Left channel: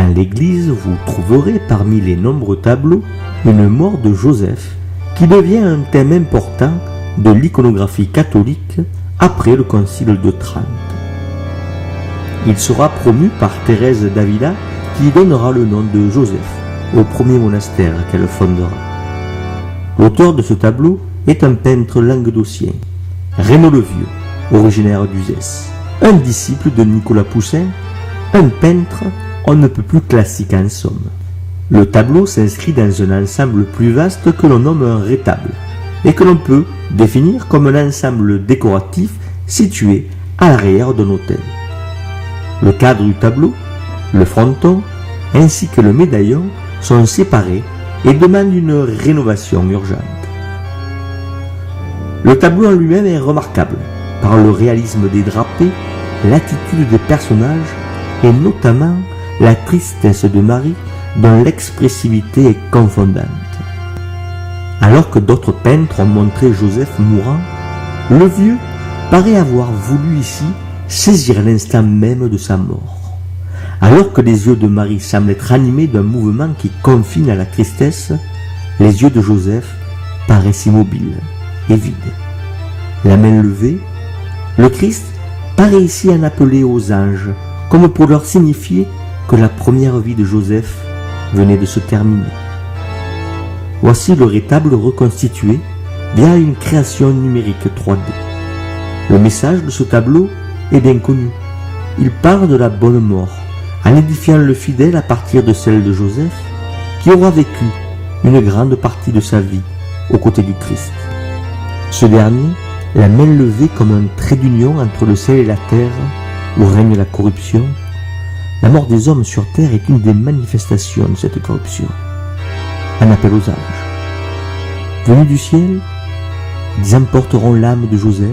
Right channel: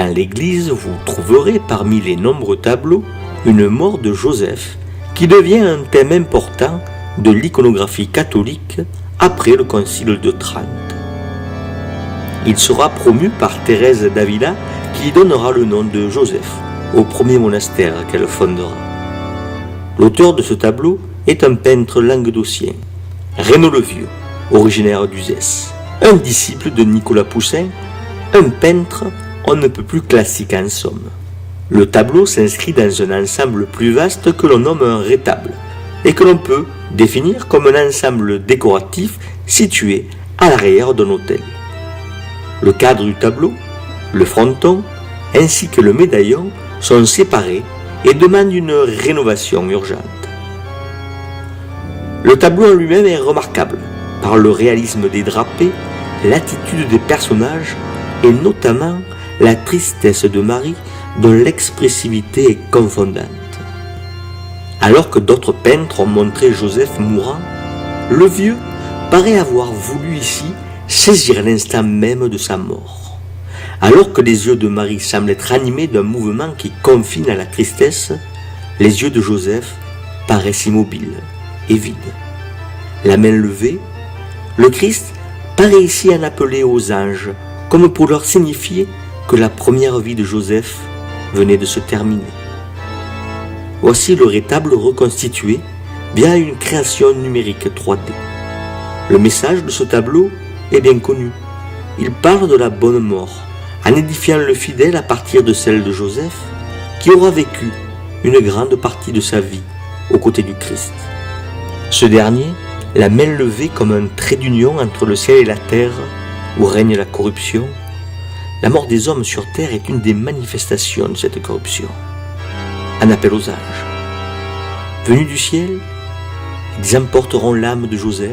Dans l'église, vous trouverez parmi les nombreux tableaux une mort de Joseph qui devient un thème important de l'iconographie catholique après le concile de Trente. Il sera promu par Thérèse d'Avila qui lui donnera le nom de Joseph au premier monastère qu'elle fondera. L'auteur de ce tableau est un peintre languedocien, Reynaud le Vieux, originaire d'Uzès, un disciple de Nicolas Poussin, un peintre on ne peut plus classique en somme. Le tableau s'inscrit dans un ensemble plus vaste que l'on nomme un rétable et que l'on peut définir comme un ensemble décoratif situé à l'arrière d'un autel. Le cadre du tableau, le fronton ainsi que le médaillon sont séparés et demandent une rénovation urgente. Le tableau en lui-même est remarquable par le réalisme des drapés, l'attitude des personnages et notamment la tristesse de Marie dont l'expressivité est confondante. Alors que d'autres peintres ont montré Joseph mourant, le vieux paraît avoir voulu ici saisir l'instant même de sa mort. Alors que les yeux de Marie semblent être animés d'un mouvement qui confine à la tristesse, les yeux de Joseph paraissent immobiles et vides. La main levée, le Christ paraît ici en appeler aux anges, comme pour leur signifier que la première vie de Joseph venait de se terminer. Voici le rétable reconstitué via une création numérique 3D. Le message de ce tableau est bien connu. Il parle de la bonne mort, en édifiant le fidèle à partir de celle de Joseph, qui aura vécu une grande partie de sa vie aux côtés du Christ. Ce dernier, la main levée comme un trait d'union entre le ciel et la terre, où règne la corruption, la mort des hommes sur terre est une des manifestations de cette corruption. Un appel aux anges. Venus du ciel, ils emporteront l'âme de Joseph,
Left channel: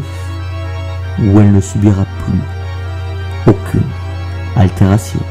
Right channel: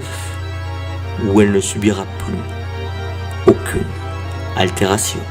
où elle ne subira plus aucune altération.